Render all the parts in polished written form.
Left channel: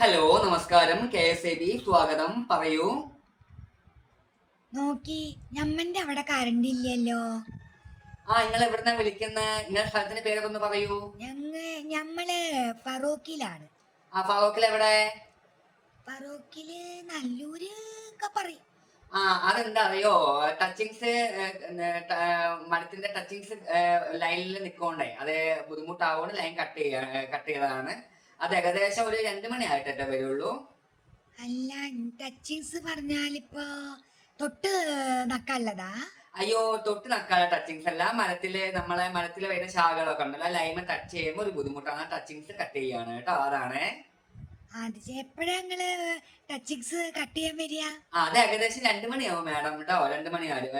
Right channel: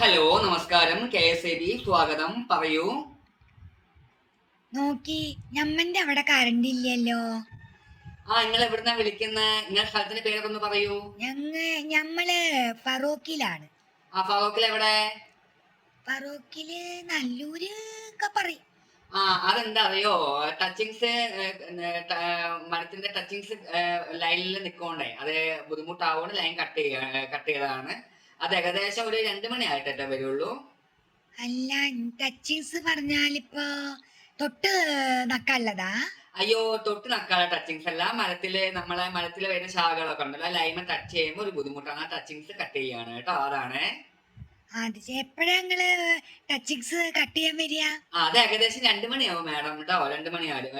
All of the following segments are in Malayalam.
ഹലോ, നമസ്കാരം. KSAB സ്വാഗതം. പറയൂ. നോക്കി ഞമ്മന്റെ അവിടെ കറണ്ട് ഇല്ലല്ലോ. നിങ്ങൾ എവിടുന്നാ വിളിക്കുന്നെ? നിങ്ങളുടെ സ്ഥലത്തിന്റെ പേരൊന്ന് പറയൂ. ഞമ്മള് ഫറോക്കിലാണ്. ഫറോക്കിൽ എവിടെ? ഫറോക്കില് നല്ലൂര് ഒക്കെ പറയും. അതെന്താ അറിയോ? ടച്ചിങ്സ് മരത്തിന്റെ ടച്ചിങ്സ് ലൈനിൽ നിൽക്കോണ്ടേ അത് ബുദ്ധിമുട്ടാവുകൊണ്ട് ലൈൻ കട്ട് ചെയ്തതാണ്. അത് ഏകദേശം ഒരു 2 മണി ആയിട്ടേ വരുള്ളൂ. അല്ല, ടച്ചിങ്സ് പറഞ്ഞാലിപ്പോ തൊട്ട് നക്കല്ലതാ. അയ്യോ, തൊട്ട് നക്കാനുള്ള ടച്ചിങ്സ് അല്ല. മരത്തില് വരുന്ന ശാഖകളൊക്കെ ഉണ്ടല്ലോ, ലൈമ ടച്ച് ചെയ്യുമ്പോൾ ഒരു ബുദ്ധിമുട്ടാണ്. ടച്ചിങ്സ് കട്ട് ചെയ്യാണ് കേട്ടോ. അതാണ്. അത് എപ്പോഴാ നിങ്ങള് ടച്ചിങ്സ് കട്ട് ചെയ്യാൻ വരിക? അത് ഏകദേശം 2 മണിയാവും മാഡം കേട്ടോ. 2 മണിയാവും കേട്ടോ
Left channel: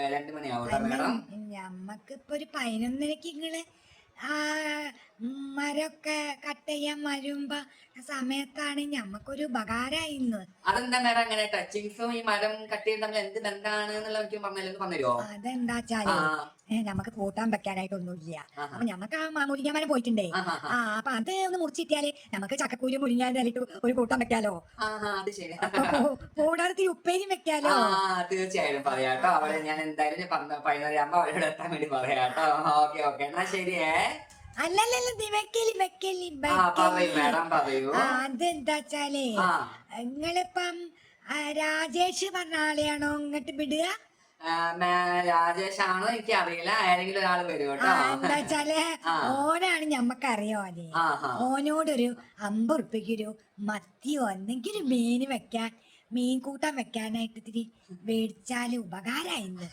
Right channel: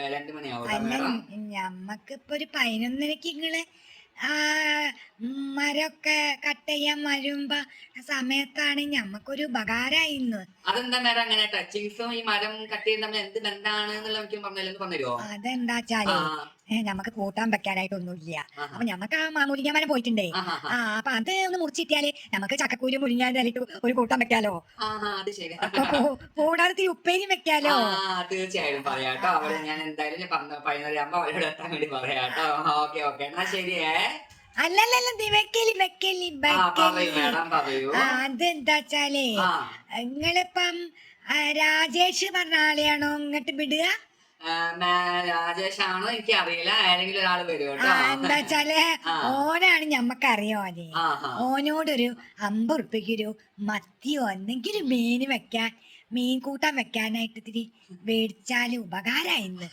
അല്ല, മാഡം. ഞമ്മക്ക് ഇപ്പൊ ഒരു 11:30 നിങ്ങള് ആ മരമൊക്കെ കട്ട് ചെയ്യാൻ വരുമ്പോ സമയത്താണ് ഞമ്മക്കൊരു ഉപകാരമായിന്ന്. അതെന്താ മാഡം അങ്ങനെ? ടച്ചിങ്സും ഈ മരം കട്ട് ചെയ്യുന്ന തമ്മിൽ എന്ത് ബന്ധമാണ് എന്നുള്ള എനിക്ക് പറഞ്ഞുതരുമോ? ആ. അതെന്താച്ചാലേ നമുക്ക് കൂട്ടാൻ വെക്കാനായിട്ടൊന്നുമില്ല. ആഹാ. അപ്പൊ ഞമ്മക്ക് ആ മുരിങ്ങാമരം പോയിട്ടുണ്ടേ. ആഹാ. അപ്പൊ അത് ഒന്ന് മുറിച്ചിട്ടിയാല് നമുക്ക് ചക്കക്കൂരും മുരിങ്ങാനായിട്ട് ഒരു കൂട്ടാൻ വെക്കാലോ. അത് ശരി. അപ്പൊ കൂടാതെ ഉപ്പേരിയും വെക്കാലോ. തീർച്ചയായും ആ, ആ, പറയാട്ടോ. ആ. അവളെ ഞാൻ എന്തായാലും 11:30 അവരോട് എത്താൻ വേണ്ടി പറയാട്ടോ. ഓക്കെ ഓക്കെ, എന്നാ ശരിയേ. അല്ലല്ലല്ല, വെക്കലി വെക്കലി പറയൂ വെക്കലി. മാഡം, പറയൂ. അതെന്താച്ചാലേ ആ നിങ്ങളിപ്പം രാജേഷ് പറഞ്ഞ ആളെയാണോ ഇങ്ങോട്ട് വിടുക? രാജേഷ് ആണോ എനിക്ക് അറിയില്ല. ആരെങ്കിലും ഒരാൾ വരും കേട്ടോ. എന്താച്ചാല് ആ. ഓനാണ് ഞമ്മക്കറിയോനെ. ആഹാ. ഓനോടൊരു 50 ഉറുപ്പിക്കൊരു മത്തിയോ എന്തെങ്കിലും മീൻ കൂട്ടാൻ വെക്കാനായിട്ട് ഇത്തിരി മേടിച്ചാല് ഉപകാരായിന്ന്.